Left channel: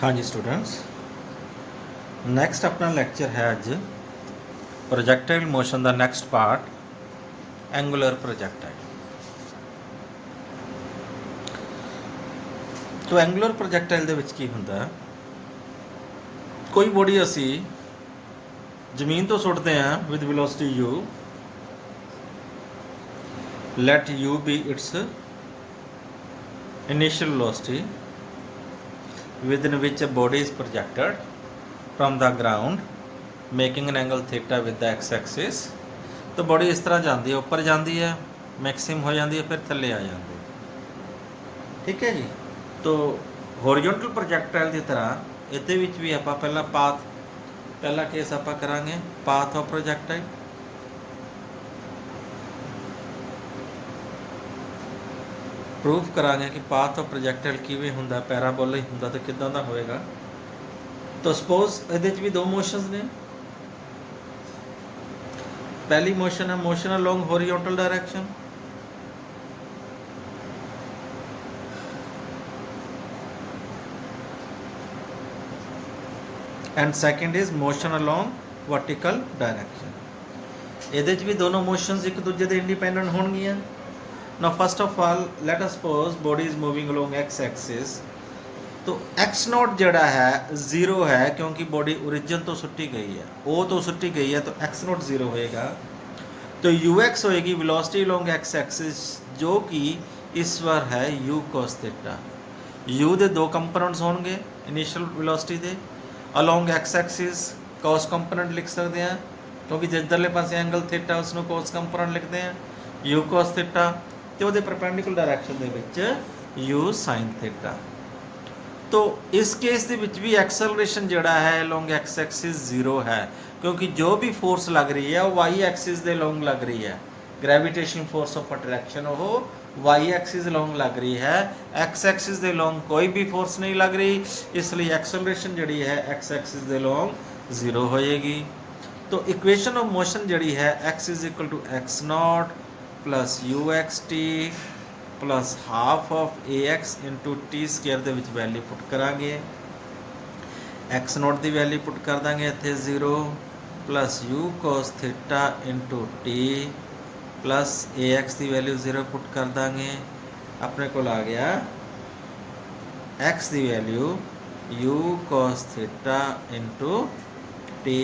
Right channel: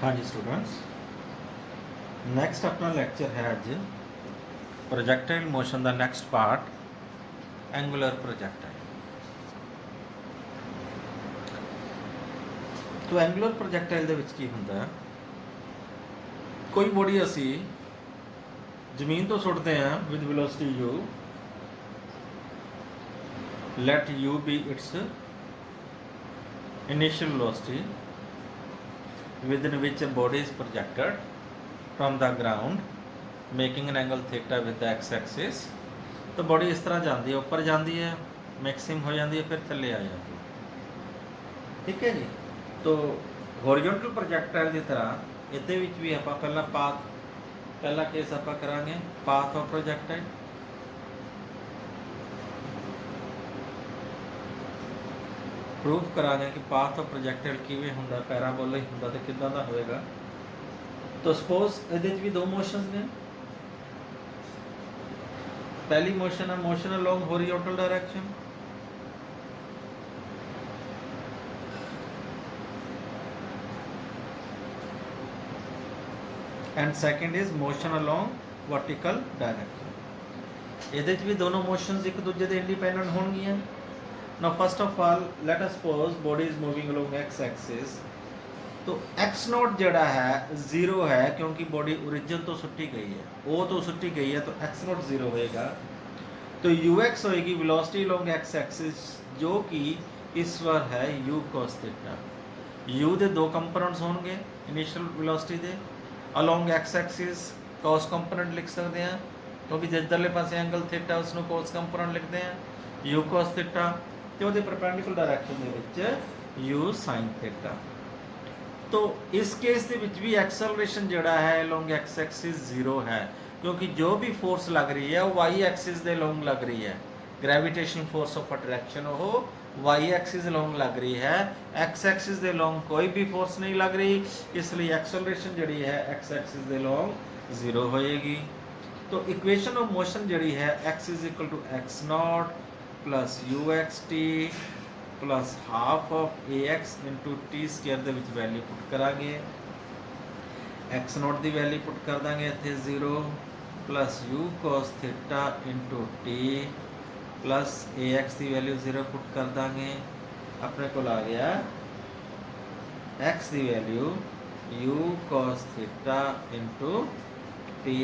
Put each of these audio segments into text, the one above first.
हाँ जी students, next अपना lecture है अज प्रोजैक्टाइल मोशन का नैक्सट पार्ट एंगुलर प्रोजैक्टाइल। तो एंगुलर प्रोजैक्टाइल दे विच की हुंदा, कोई बॉडी असी जमीन तो सुटते हैं with velocity u, let u be its initial velocity within which a body is projected from the ground making an angle theta with the x-axis। तो बॉडी इस तरह जाती है, ऊपर जाती है, मैक्सिमम हो जाती है, फिर थले आ जाती है। ठीक है जी। तो हॉरिजॉन्टल प्रोजैक्टाइल की तरह इहदे विच भी आपां पहला पाथ, पहला केस आपां करांगे पाथ ऑफ प्रोजैक्टाइल। प्रूफ करांगे कि पाथ ऑफ प्रोजैक्टाइल किवें हुंदा, पैराबोलिक हुंदा तो किदां दा होएगा। तो सपोज इहदे भी दो मोशनस ने। पहली मोशन है motion along horizontal direction, and second is motion along vertical direction. इहदे भी दोनों मोशनस एक दूजे दे इंडिपेंडेंट होणगियां। Now first of all let us suppose body is moving along x axis. तो एक्स नॉट जड़ा है जीरो है क्योंकि बॉडी ओरिजिन तो सुट्टी गई है, ओ तो सुट्टी गई है, तो एक्स नॉट जीरो होएगा। तो यू एक्स होएगी वेलोसिटी अलोंग एक्स एक्सिस, जो कि इस बार है यू कॉस थीटा। यू दे दो कंपोनेंट्स होंगे इनिशियल वेलोसिटी दे, along x axis cos component लिख सकते हैं क्योंकि जिधरले पासे एंगल थीटा उसਨੂੰ कॉस कंपोनेंट लिखते हैं यू कॉस थीटा, ਤੇ ਉਹਦੇ परपेंडिकुलर डायरेक्शन ਦੇ ਵਿੱਚ यू साइन थीटा। तो इस केस ਦੇ ਵਿੱਚ भी एक्सेलरेशन ਜਿਹੜਾ है अलोंग एक्स एक्सिस जीरो है क्योंकि जो भी फोर्स लग रही है वो वाई एक्सिस ਦੇ अलोंग लग रही है। ग्रेविटेशन फोर्स ऑफ अट्रैक्शन वो वाई एक्सिस अलोंग लग रही है, एक्स एक्सिस ਦੇ अलोंग कोई भी फोर्स नहीं लग रही, इसलिए एक्सेलरेशन ਜਿਹੜੀ है एक्स एक्सिस ਦੇ अलोंग जीरो होएगी। तो इक्वेशन ऑफ मोशन ਜਿਹੜੀ है x is equal to x naught plus u x t plus half of a x into t square ਦੇ ਵਿੱਚ वैल्यू पुट करांगे। एक्स नॉट की वैल्यू पुट कर देंगे इतने zero plus u cos theta into t plus a x की value zero put कर देंगे। अपने को आ गया एक्स की value you cos theta into T,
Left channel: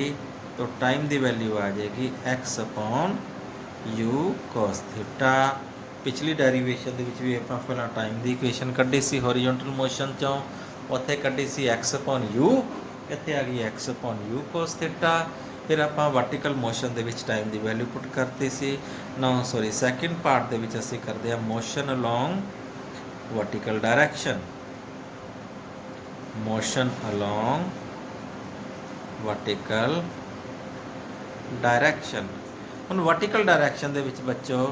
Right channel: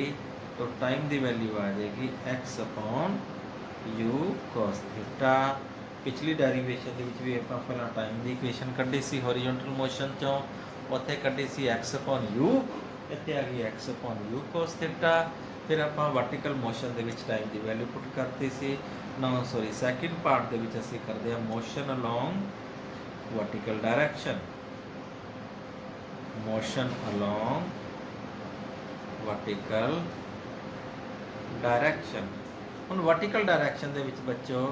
तो टाइम की वैल्यू आ जाएगी x upon you cos theta. पिछली डेरीवेशन भी ਆਪਾਂ ਪਹਿਲਾਂ टाइम की इक्वेशन ਕੱਢੀ ਸੀ हॉरिजॉन्टल मोशन चों, ਉੱਥੇ ਕੱਢੀ ਸੀ एक्स अपॉन यू, ਇੱਥੇ आ गई x upon you cos theta. फिर ਆਪਾਂ वर्टिकल मोशन ਦੇ ਵਿੱਚ टाइम की वैल्यू पुट करती सी। नाउ सॉरी सैकेंड पार्ट ਦੇ ਵਿੱਚ ਅਸੀਂ ਕਰਦੇ ਹਾਂ motion along vertical direction, motion along vertical direction. ਹੁਣ वर्टिकल डायरेक्शन ਦੇ ਵਿੱਚ ਬੱਚੋ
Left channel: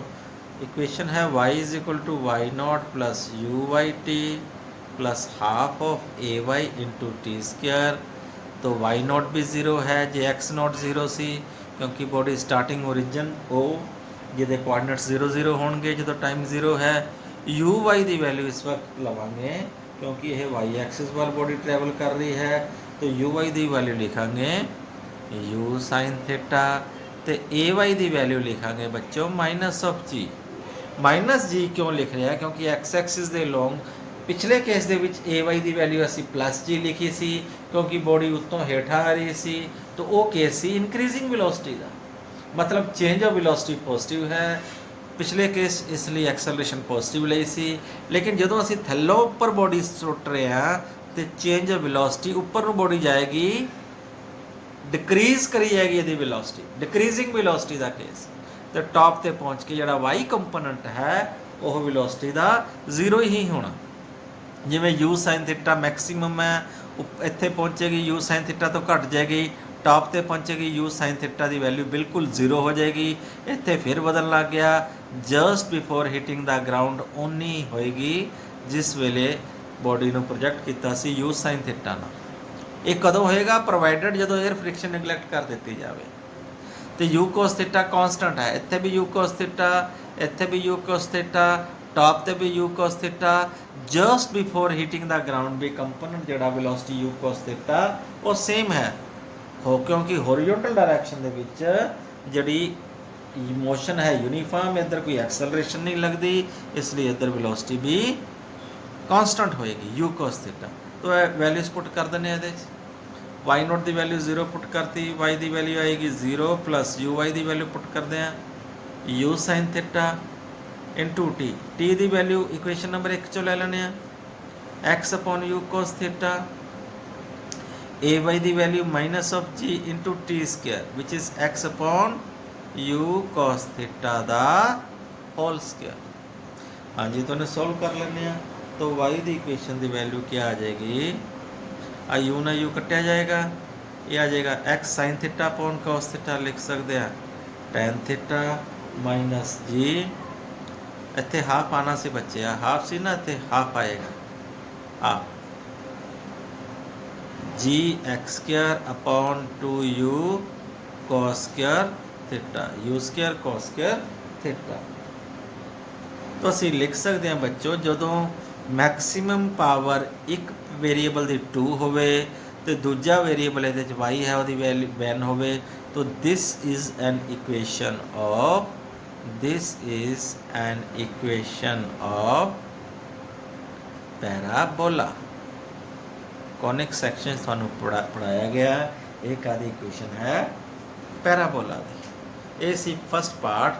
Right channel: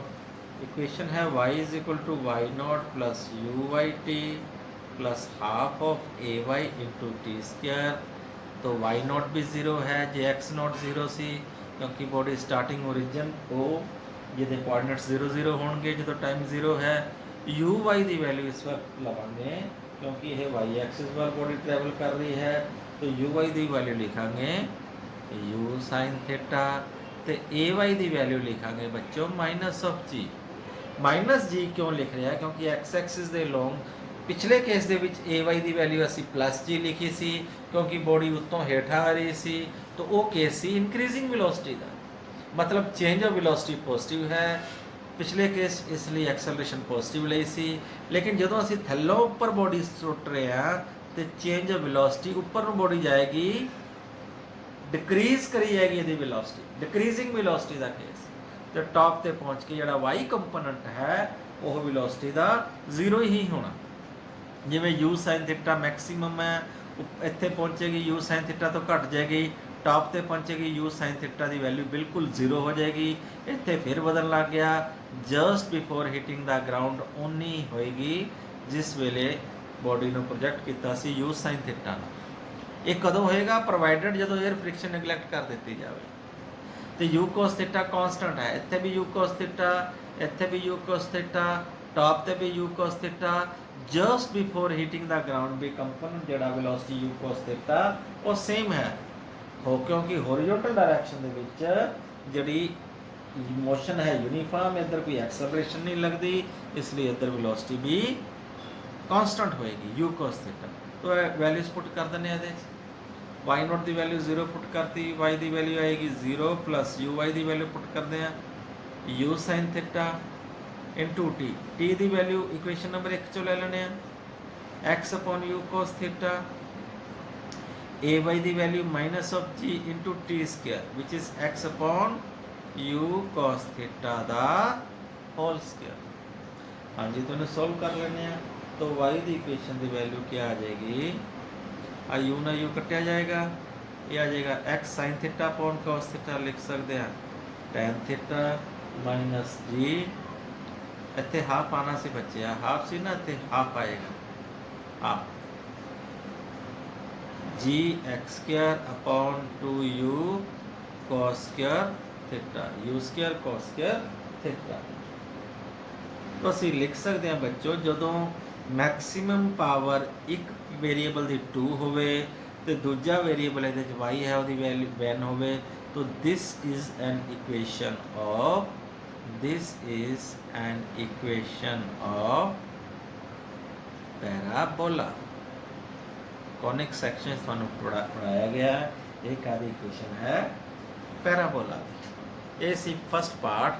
इक्वेशन है y is equal to y naught plus u y t plus half of a y into t square. तो वाई नॉट भी zero है जे x naught zero सी क्योंकि बॉडी स्टार्टिंग ओरिजिन ओ जिहदे कोआर्डिनेट्स जीरो जीरो होणगे जो time zero है। You y की वैल्यू इस वक्त लवांगे क्योंकि यह वाई एक्सिस वाल बॉडी ट्रैवल कर रही है, तो यू वाई की वैल्यू लिखांगे यू साइन थीटा, तो ए वाई की वैल्यू लिखांगे बच्चों माइनस ऑफ जी। माइनस जी क्यों लिख रहे हैं क्योंकि एक्स एक्सिस के लॉन्ग पिछले केस के ए वाई की वैल्यू असी प्लस जी लिखी सी क्योंकि बॉडी उत्तों हेठा आ रही सी, तो वो केस सी इनक्रीजिंग वेलोसिटी का, मतलब चेंज ऑफ वेलोसिटी पॉजिटिव है। पिछले केस इसलिए एक्सेलरेशन पॉजिटिव ली सी, लेकिन जो असी थल्लों उपर बॉडी सुट रहे हैं तो चेंज ऑफ वेलोसिटी उपर नूं बॉडी जाएगी डिक्रीज करी जाएगी, यदि वेलोसिटी डिक्रीजिंग वेलोसिटी का केस, तो टॉप ते पहुँच के जोड़ा वाई कंपोनेंट है वह वेलोसिटी का जीरो ही होना। जिमें यू साइन थीटा मैक्सीमम है, इत्थे पहुँचेगी यू साइन थीटा तो घट जाएगी, टॉप ते पहुँचेगी यू साइन थीटा की वैल्यू बिल्कुल जीरो हो जाएगी। इत्थे फिर बदल लग गया just before hitting the ground उन्नी होएगी जिस वेले बॉडी को प्रोजेक्ट किया सी यू साइन थीटा ना। ये कदों होएगा प्रोवाइडेड जो एयर फ्रिक्शन निगलैक्ट कर दी जाए। तो यू कॉस थीटा कॉन्सटेंट है, इत्थे भी यू कॉस थीटा, इत्थे भी यू कॉस थीटा, टॉप ते भी u cos theta just before hitting the ground भी कंपोनेंट जड़ा वेलोसिटी u cos थीटा वो सेम है हो क्योंकि हॉरिजॉन्टल डायरेक्शन दे विच जड़ी मोशन है यूनिफॉर्म इधर कोई एक्सेलरेशन नहीं लगती इसलिए इधर वेलोसिटी भी कांस्टेंट होएगी u cos थीटा। तो वैल्यूज पुट कर देने ये y नॉट की वैल्यू 0 पुट करती y की वैल्यू आएगी 0 प्लस uy की वैल्यू पुट करते हैं u sin theta into T की वैल्यू इक्वेशन नंबर 1 चो ले लेने x upon u cos theta ay की value minus of g into t square which is x upon u cos theta दा whole square. हाँ जी तो सॉल्व कर लेने तो y की इक्वेशन की वैल्यू क्या आ जाएगी आ u ना u कटिया जाएगा ये आ जाएगा x sin theta upon cos theta लिख सकते हैं tan थीटा माइनस g इतने हाफ आना से बच्चे हाफ सी ना इतने हाफ आएगा half g x square upon 2u cos square theta u square cos square theta. तो असी लिख सकते हैं बच्चों जदों मैक्सिमम पावर एक वेरीएबल की 2 होवे तो दूजा वेरीएबल ये y है वो वैल्यू 1 होवे तो this is an equation of parabola. Conic section सानू पढ़ाया गया एक आदि इक्वेशन है पैराबोला दी। ये सी first part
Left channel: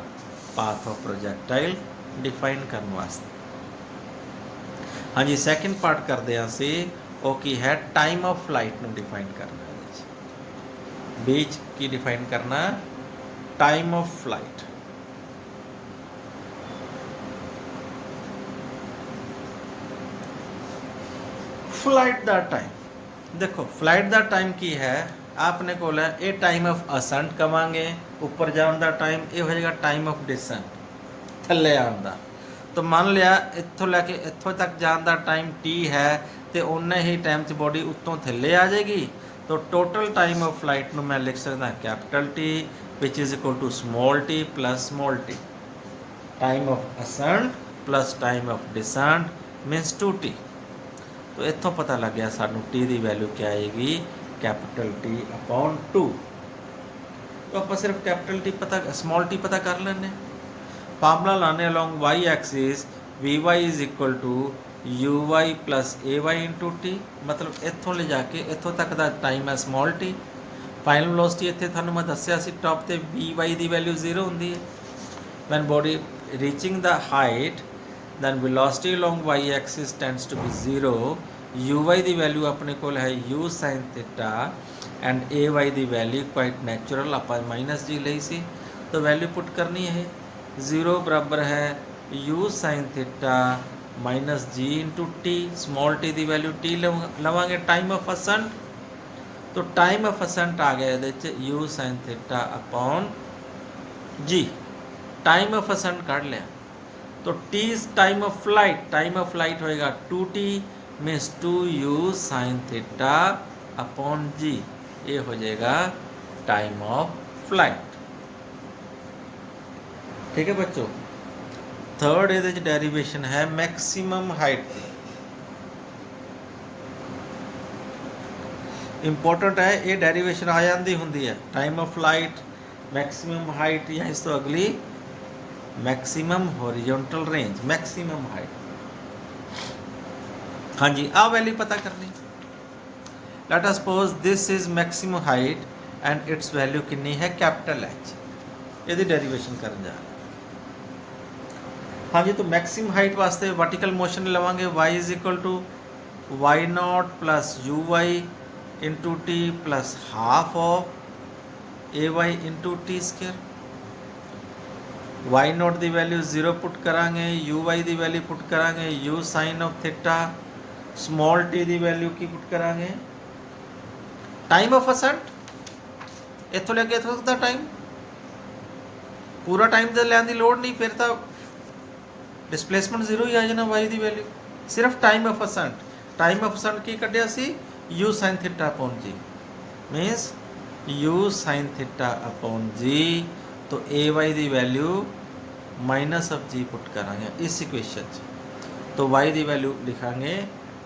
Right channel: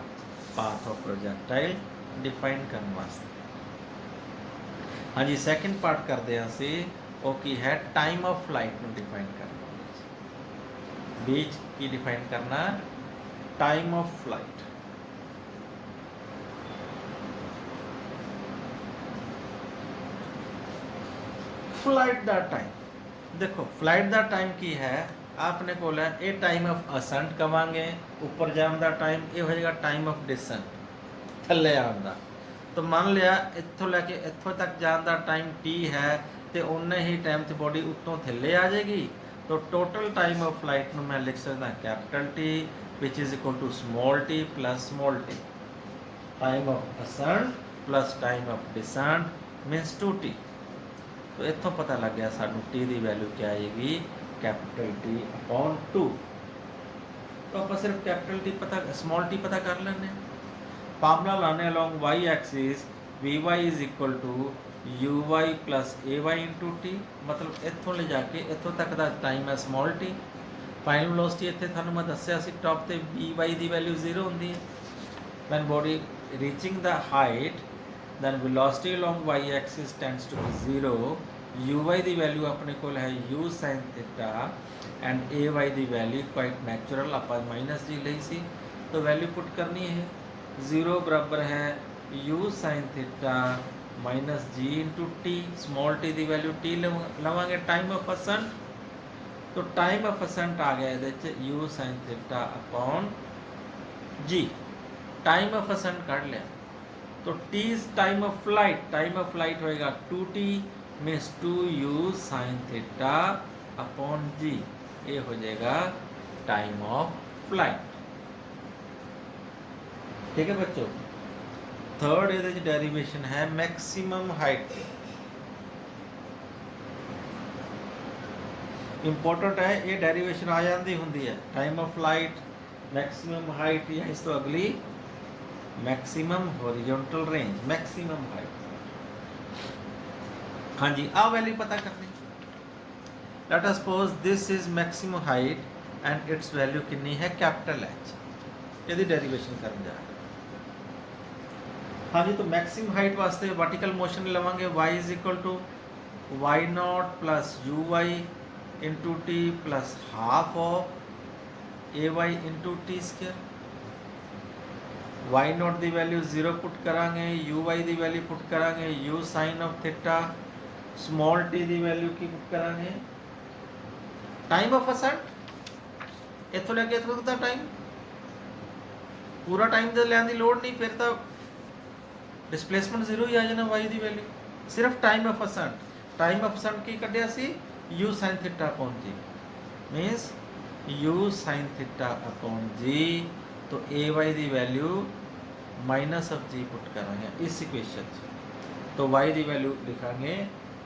path of projectile define करने वास्ते। हाँ जी सैकेंड पार्ट करते हैं असी वो की है टाइम ऑफ फ्लाइट में डिफाइन करना बीच की डिफाइन करना टाइम ऑफ फ्लाइट। फ्लाइट दा टाइम देखो फ्लाइट दा टाइम की है आपने को ये टाइम ऑफ असेंट कवांगे ऊपर जाने का टाइम ये हो जाएगा टाइम ऑफ डिसेंट थले आने का। तो मान लिया इत्थों लैके इत्थों तक जाने का टाइम टी है तो उन्ने ही टाइम च बॉडी उत्तों थले आ जाएगी। तो टोटल टाइम ऑफ फ्लाइट में मैं लिख सकता capital T which is equal to small t plus small t time of ascent plus time of descent minus 2t। तो इतों पता लग गया सानू टी की वैल्यू क्या आएगी कैपिटल टी अपॉन 2। तो आप सिर्फ कैपिटल टी पता स्मॉल टी पता कर लेने फार्मूला लाने along y axis v y is equal to u y plus a y into t मतलब इतों ले जाके इतों तक का टाइम है स्मॉल टी। फाइनल वेलोसिटी इतने थानू मैं दसिया सी टॉप ते वी वाई की वैल्यू 0 होंदी है when body reaching the height then velocity along y-axis tends to be 0 uy की वैल्यू अपने को है u sin theta and ay की वैल्यू क्वाइट नैचुरल आप माइनस जी ली सी तो वैल्यू पुट करनी है 0 बराबर है u sin theta minus g into t small t की वैल्यू टी लवांगे टाइम ऑफ असेंट। तो टाइम ऑफ असेंट आ गया ये u sin theta upon g time of ascent काट लिया तो t is time of flight होएगा 2t means 2u sin theta upon g ये हो जाएगा टाइम ऑफ फ्लाइट। ठीक है बच्चों थर्ड ये डेरिवेशन है मैक्सिमम हाइट इंपॉर्टेंट है ये डेरिवेशन आ जाती होंगी है time of flight maximum height या इस तो अगली maximum horizontal range maximum height. हाँ जी आ वैल्यू पता करनी late us suppose this is maximum height and it's value कितनी है कैपिटल एच ये डेरिवेशन कर जा। हाँ जी तो मैक्सिमम हाइट वास्ते वर्टिकल मोशन लवांगे y is equal to y naught plus u y into t plus half of a y into t square. Y naught की वैल्यू 0 पुट करांगे यू वाई की वैल्यू पुट करांगे u sine of theta small t की value की पुट करांगे time of ascent इतों लेके इतों तक टाइम पूरा टाइम तो लैन की लोड़ नहीं फिर तो डिस्प्लेसमेंट 0 ही आ जाना वाई की वैल्यू सिर्फ टाइम ऑफ असेंट की कढ़िया सी u sine theta upon g minus u sine theta upon g. तो ए वाई की वैल्यू माइनस ऑफ जी पुट करांगे इस इक्वेशन च, तो y की वैल्यू लिखांगे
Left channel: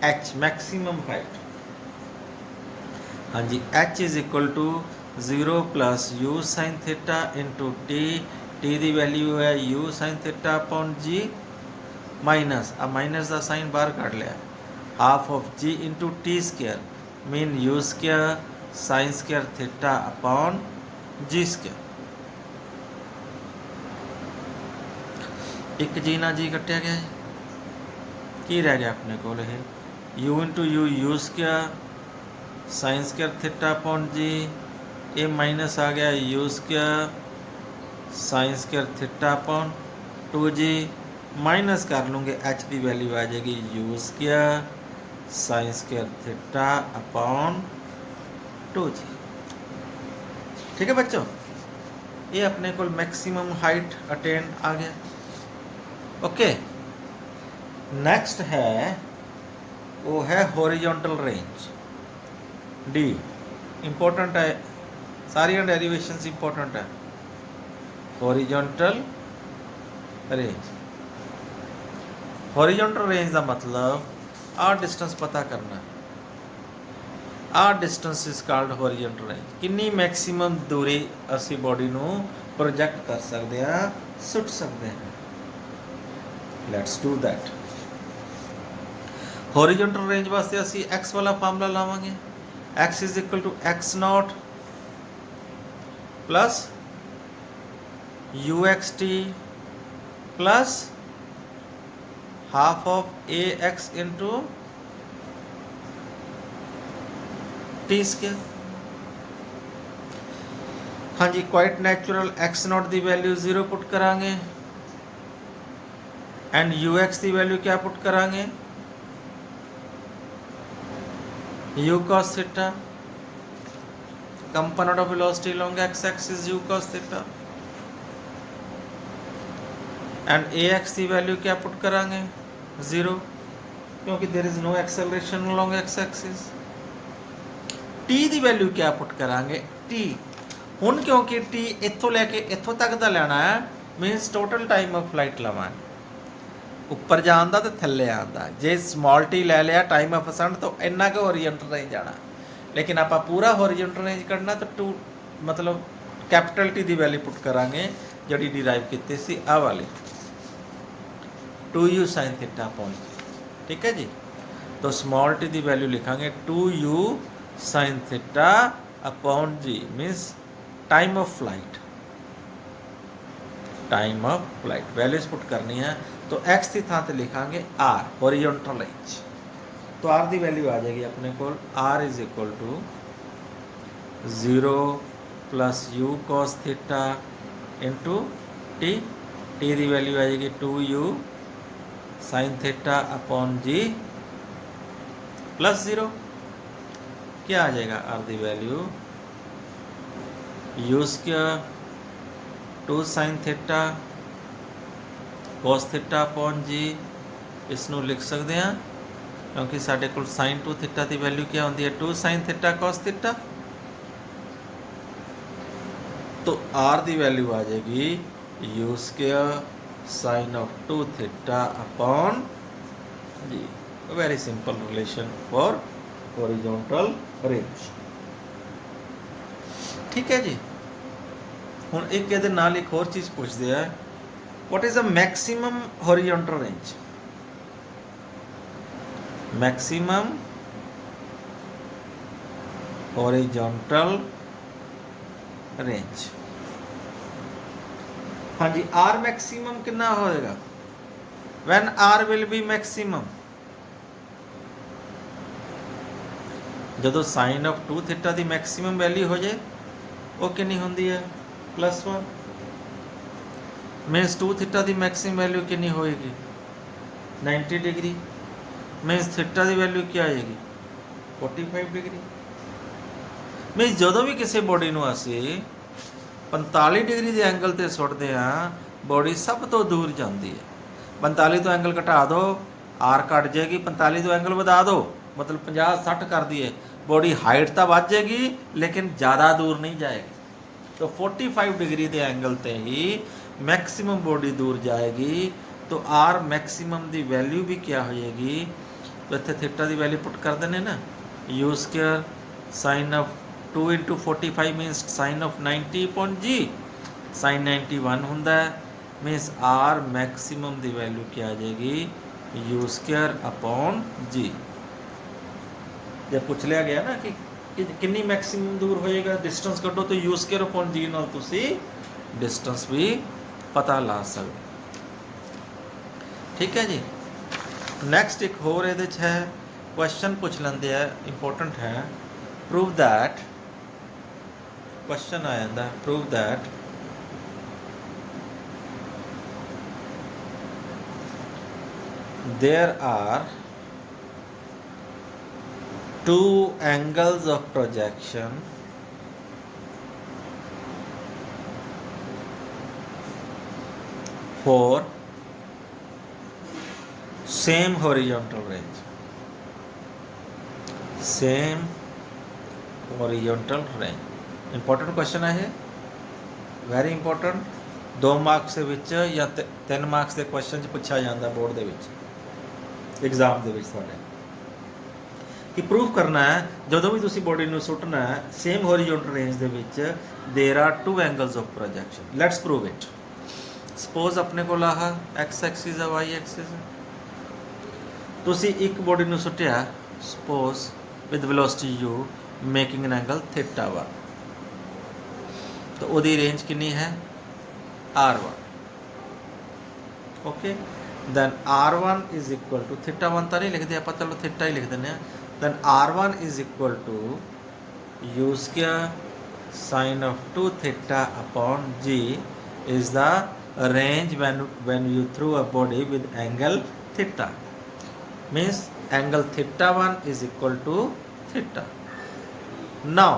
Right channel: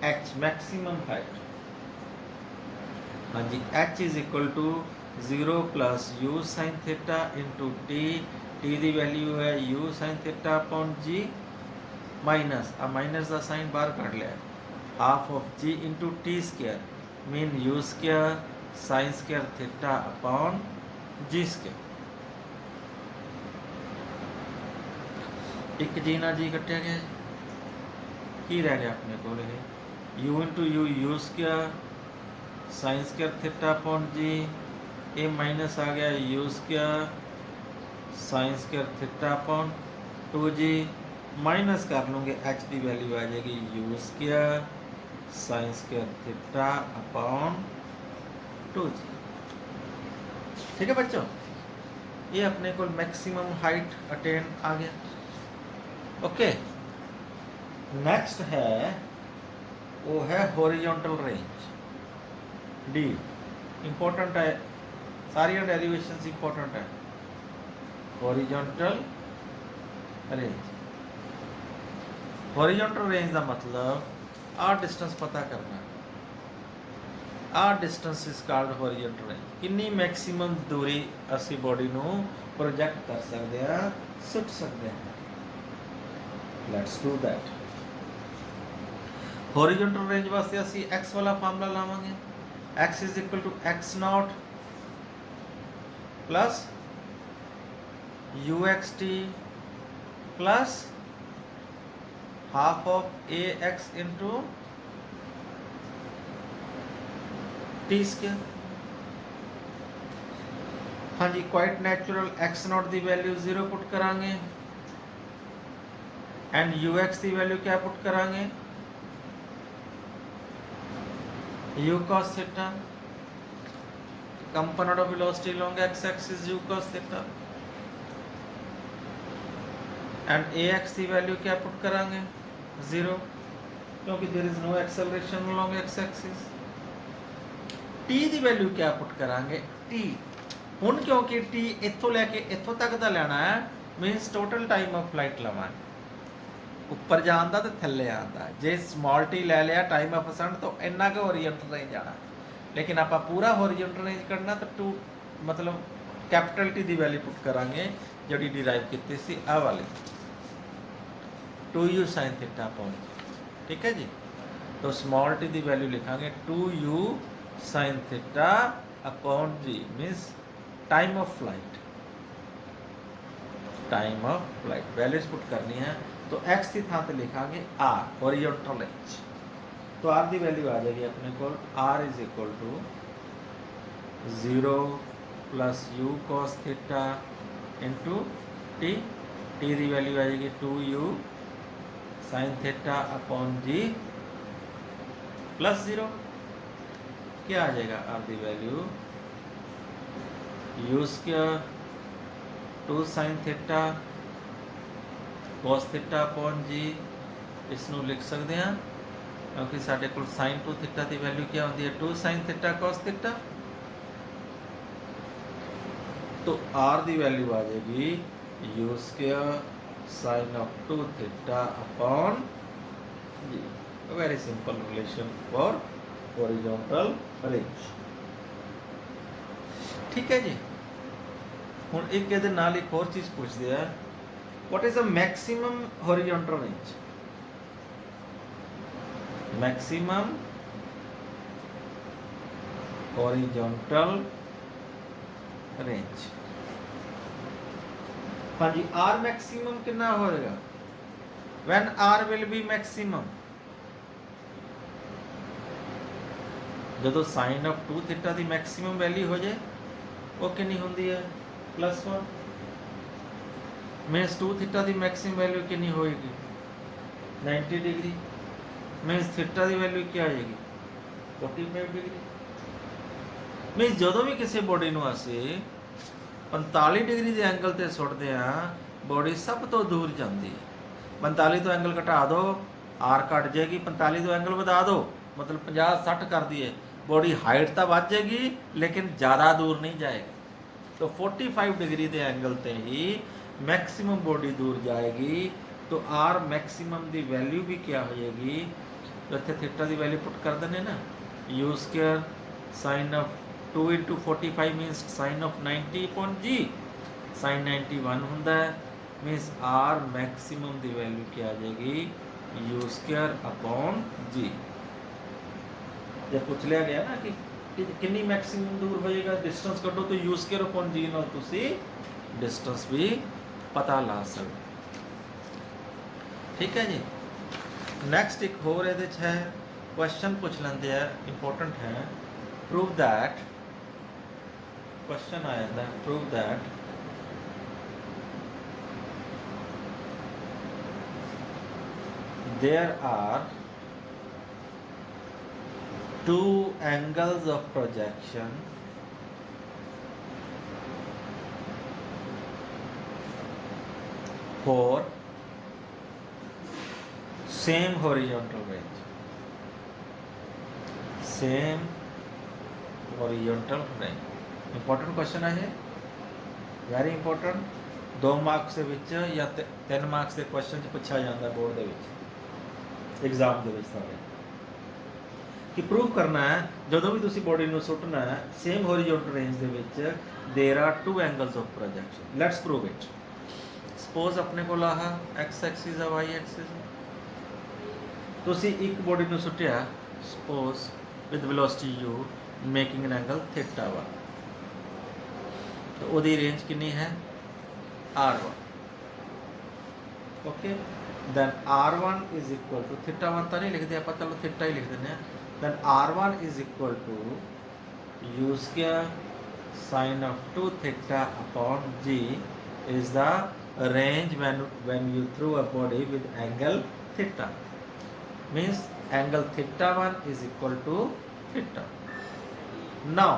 h मैक्सिमम हाइट। हाँ जी, h is equal to 0 plus u sine theta into t, t की वैल्यू है u sine theta upon g, minus आ माइनस का साइन बाहर कट लिया, half of ji into t square mean u square sine square theta upon g square. एक जी ना जी कटिया गया, की रह गया अपने को u into u square sine square theta upon जी, ये माइनस आ गया u square sine square theta upon 2g, minus कर लूँगे h की वैल्यू आ जाएगी u square sine square theta upon 2g। ठीक है बच्चों, ये अपने को मैक्सिमम हाइट अटेन आ गया। ओके, नेक्स्ट है वो है हॉरिजॉन्टल रेंज, डी इंपॉर्टेंट है, सारी डेरिवेशंस इंपॉर्टेंट है। हॉरिजॉन्टल रेंज, हॉरिजॉन्टल रेंज का मतलब आ डिस्टेंस पता करना, आ distance is called horizontal range. कितनी मैक्सिमम दूरी असी बॉडी नू प्रोजेक्ट कर सकते हैं, सुट सकते हैं। Let's do that. Horizontal range वास्ते असी एक्स वाला फार्मूला लावांगे, x is equal to x naught plus u x t plus half of a x into t square. हाँ जी, क्वाइट नेचुरल एक्स नॉट की वैल्यू 0 पुट करांगे and u x की value क्या पुट करांगे, u cos theta, component of velocity along x axis u cos theta, and a x की value क्या put करांगे 0, क्योंकि there is no acceleration along x axis। T की value क्या put करांगे टी, हुण क्योंकि टी इत्थों लैके इत्थों तक का लेना है, minus total time of flight लवांगे, उपर जान दा ते थल्ले आंदा। जे स्मॉल टी लै लिया टाइम ऑफ असेंट तो इन्ना के हॉरिजॉन्टल रेंज जाना, लेकिन आप पूरा हॉरिजॉन्टल रेंज करना तो टू मतलब कैपिटल टी की वैल्यू पुट करांगे जी डिराइव की सी आ वाली 2u साइन थीटा अपॉन, ठीक है जी। तो स्मॉल टी की वैल्यू लिखांगे 2u sine theta upon g, means time of flight, time of flight values put करनी है। तो x की थां ते लिखांगे r हॉरिजॉन्टल रेंज, तो r की वैल्यू आ जाएगी अपने को r is equal to 0 plus u cos theta into t, t की वैल्यू आ जाएगी 2u sine theta upon g plus 0, क्या आ जाएगा r की value u square 2 sine theta cos theta upon g, इसनों लिख सकते हैं क्योंकि साढ़े को साइन 2 थीटा की वैल्यू क्या होती है 2 साइन थीटा cos थीटा, तो r की वैल्यू आ जाएगी u square sine of 2 theta upon g. Very simple relation for horizontal range, ठीक है जी। हुण एक इहदे नाल एक होर चीज़ पूछते हैं, what is the maximum horizontal range, maximum horizontal range। हाँ जी, r maximum कितना होएगा when r will be maximum, जदों साइन ऑफ 2 थीटा की मैक्सिमम वैल्यू हो जाए वो कितनी होंदी है +1, मीन्स 2 थीटा की मैक्सिमम वैल्यू कितनी होएगी 90 डिग्री, मीन्स थीटा की वैल्यू क्या आएगी 45 डिग्री। मीन्स जो भी किसी बॉडी नूं असीं 45 डिग्री के एंगल ते सुटते हैं, बॉडी सब तो दूर जाती है। 45 तो एंगल घटा दो आर घट जाएगी, 45 तो एंगल बढ़ा दो मतलब 50-60 कर दिए, बॉडी हाइट तो बढ़ जाएगी लेकिन ज़्यादा दूर नहीं जाएगी। तो 45 डिग्री के एंगल ते ही मैक्सिमम बॉडी दूर जाएगी तो आर मैक्सिमम की वैल्यू भी क्या हो जाएगी, तो इतने थीटा की वैल्यू पुट कर देने ना, u square sine of 2 × 45 minus sine of 90 upon g, sine 91 होंदा है, मीनस आर मैक्सिमम की वैल्यू क्या आ जाएगी, यू स्क्वायर अपॉन जी। जब पूछ लिया गया ना कि कितनी मैक्सिमम दूर होएगा, डिस्टेंस कटो तो यू स्क्वायर अपॉन जी नाल तुसी डिस्टेंस भी पता ला सकते। ठीक है जी। नैक्सट एक होर ये है क्वेश्चन पूछ लेंगे है, इंपॉर्टेंट है, प्रूव दैट, क्वेश्चन आ जाता है prove that there are two angles of projection for same horizontal range, same horizontal range। Important question है, वेरी इंपॉर्टेंट, 2 मार्क्स ਦੇ ਵਿੱਚ ਜਾਂ 3 ਮਾਰਕਸ ਦੇ ਕੁਐਸਚਨ 'ਚ ਪੁੱਛਿਆ ਜਾਂਦਾ ਬੋਰਡ ਦੇ ਵਿੱਚ, एग्जाम ਦੇ ਵਿੱਚ ਤੁਹਾਡੇ, ਕਿ ਪ੍ਰੂਫ ਕਰਨਾ ਹੈ ਜਦੋਂ ਵੀ ਤੁਸੀਂ ਬੋਡੀ ਨੂੰ ਸੁੱਟਣਾ ਹੈ ਸੇਮ ਹੋਰੀਜ਼ੋਨਟਲ ਰੇਂਜ ਦੇ ਵਿੱਚ there are 2 angles of projection. Let's prove it. Suppose अपने को आह एक्स एक्सिस है, वाई एक्सिस है, ਤੁਸੀਂ ਇੱਕ ਬੋਡੀ ਨੂੰ ਸੁੱਟਿਆ suppose with velocity u making an angle theta ਵਾ, ਤਾਂ ਉਹਦੀ ਰੇਂਜ ਕਿੰਨੀ ਹੈ r1। Okay, then r1 is equal to theta 1 तो नहीं लिखते आप, चलो थीटा ही लिख देने, then r1 is equal to u square sin of 2 theta upon g is the range when you throw a body with angle theta, means angle theta 1 is equal to theta। now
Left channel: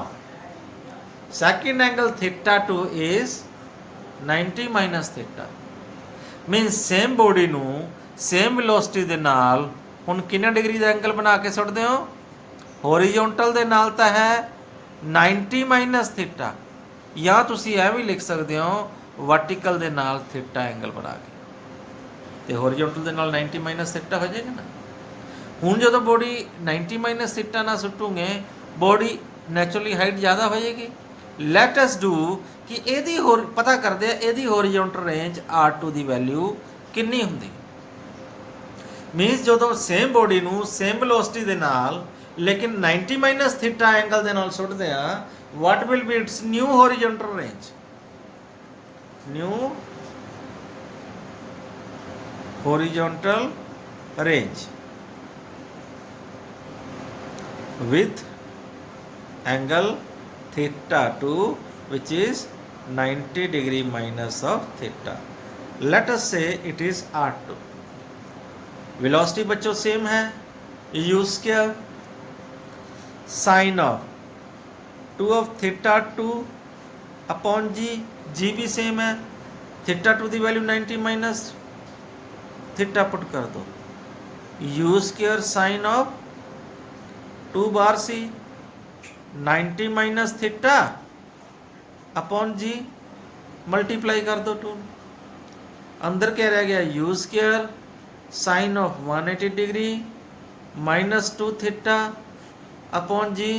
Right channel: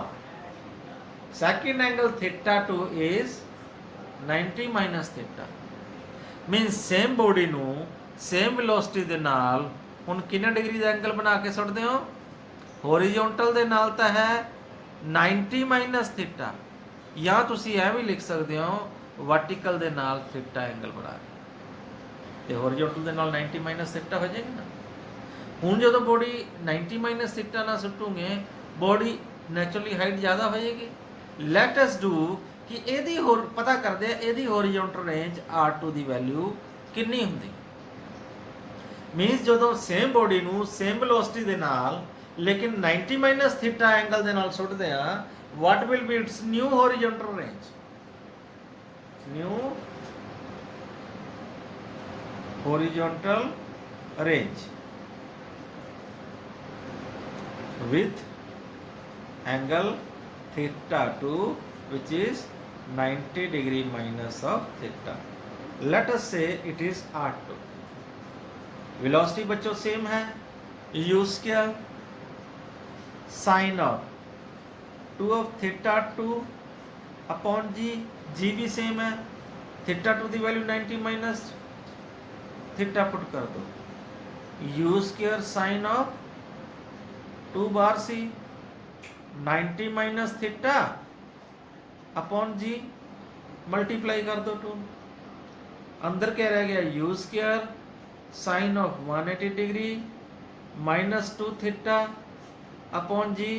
second angle theta 2 is 90 minus theta, मीनस same body नू same velocity दे नाल हुण किन्ने degree दा angle बना के सुटदे हो, होरीजोनटल दे नाल तां है 90 माइनस थीटा, या तुसीं ऐ भी लिख सकदे हो वर्टिकल दे नाल थीटा एंगल बना के, ते होरीजोनटल दे नाल 90 माइनस थीटा हो जाएगा ना। हुण जदों बॉडी 90 माइनस थीटा ना सुटूंगे बॉडी नैचुरली हाइट ज़्यादा हो जाएगी। लैट अस डू कि ਇਹਦੀ ਹੋਰ ਪਤਾ ਕਰਦੇ ਆ ਇਹਦੀ ਹੋਰੀਜ਼ੋਨਟਲ ਰੇਂਜ r2 ਦੀ ਵੈਲਿਊ ਕਿੰਨੀ ਹੁੰਦੀ, ਮੀਨਸ ਜਦੋਂ ਸੇਮ ਬੋਡੀ ਨੂੰ ਸੇਮ ਵੈਲੋਸਿਟੀ ਦੇ ਨਾਲ ਲੇਕਿਨ 90 ਮਾਈਨਸ ਥੀਟਾ ਐਂਗਲ ਦੇ ਨਾਲ ਸੁੱਟਦੇ ਆ, ਵਾਟ will be it's new horizontal range, new horizontal range with angle theta 2 which is 90 degree minus of theta। let us say it is r2, velocity बच्चों same है, u square sin of 2 of theta 2 upon g, g भी same है, theta 2 की value 90 minus theta put कर दो, u square sin of 2 बार सी 90 minus theta upon g, multiply कर दो 2, अंदर क्या रह गया u square sine of 180 degree minus 2 theta upon g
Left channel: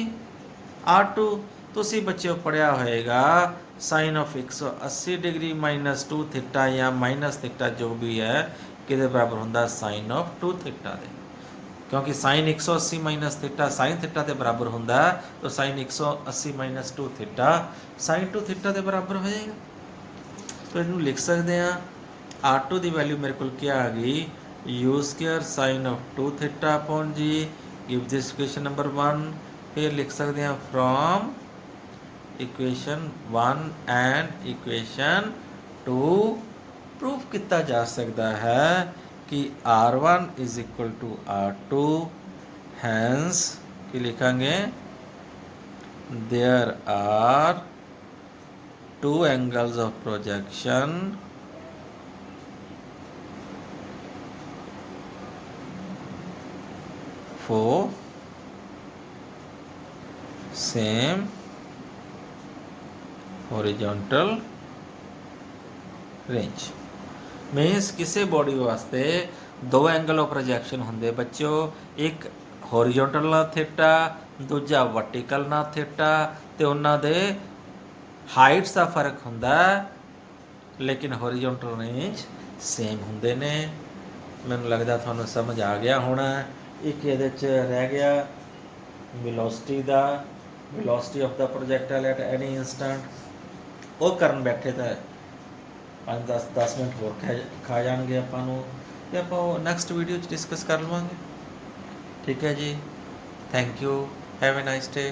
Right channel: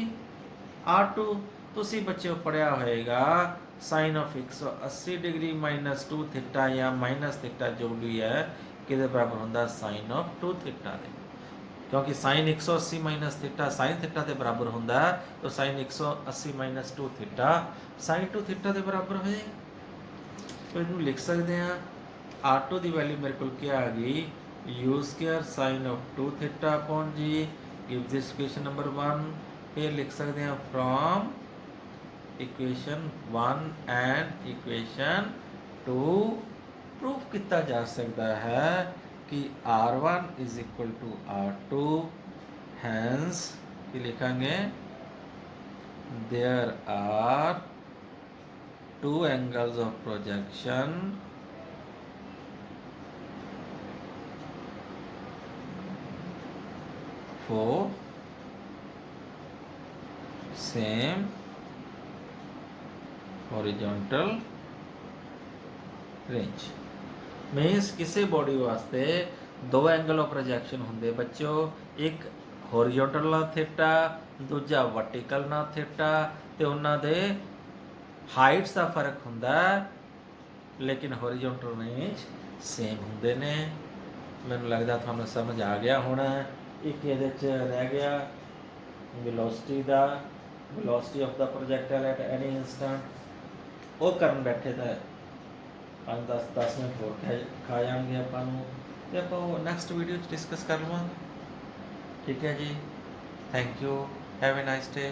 r2। तुसी बच्चों पढ़िया होएगा sine of 180 degree minus 2 theta या माइनस थीटा जो भी है किधर बराबर होंदा साइन ऑफ 2 थीटा दे, क्योंकि sine 180 minus theta sine theta के बराबर होंदा, तो sine 180 minus 2 theta sine 2 theta के बराबर हो जाएगा। तो इनू लिख सकते हैं r2 की वैल्यू मेरे को क्या आ गई, u square sine of 2 theta upon g, give this equation number 1। फिर लिख सकते हैं from equation 1 and equation 2 proof किया जा सकता है कि r1 is equal to r2, hence कि लिखेंगे there are 2 angles of projection for same horizontal range means ਕਿਸੇ ਬੋਡੀ ਵਾਸਤੇ ਦੋ ਐਂਗਲ ਆਫ ਪ੍ਰੋਜੈਕਸ਼ਨ ਹੁੰਦੇ ਬੱਚਿਓ, ਇੱਕ ਹੋਰੀਜ਼ੋਨਟਲ ਨਾਲ ਥੀਟਾ, ਦੂਜਾ ਵਰਟੀਕਲ ਨਾਲ ਥੀਟਾ, ਤੇ ਉਹਨਾਂ ਦੇ ਹਾਈਟਸ ਦਾ ਫਰਕ ਹੁੰਦਾ, ਲੇਕਿਨ ਹੋਰੀਜ਼ੋਨਟਲ ਰੇਂਜ ਸੇਮ ਹੁੰਦੇ ਨੇ। ਮੈਨੂੰ ਲੱਗਦਾ ਤੁਹਾਨੂੰ ਸਮਝ ਆ ਗਿਆ ਹੁਣ। ਇੱਕ ਇਹਦੇ 'ਚ ਰਹਿ ਗਿਆ ਵੈਲੋਸਿਟੀ ਦਾ, ਵੈਲੋਸਿਟੀ ਆਫ ਦਾ ਪ੍ਰੋਜੈਕਟਾਈਲ ਐਟ ਐਨੀ ਇੰਸਟੈਂਟ। ਉਹ ਕਰਨ ਬੈਠੇ ਤਾਂ 5-10 ਮਿੰਟ ਹੋਰ ਖਾ ਜਾਣਗੇ ਆਪਾਂ ਨੂੰ, ਤੇ ਆਪਾਂ ਉਹ ਨੈਕਸਟ ਵੀਡੀਓ 'ਚ ਡਿਸਕਸ ਕਰ ਲਵਾਂਗੇ। ਠੀਕ ਹੈ ਜੀ, thank you, have a nice day.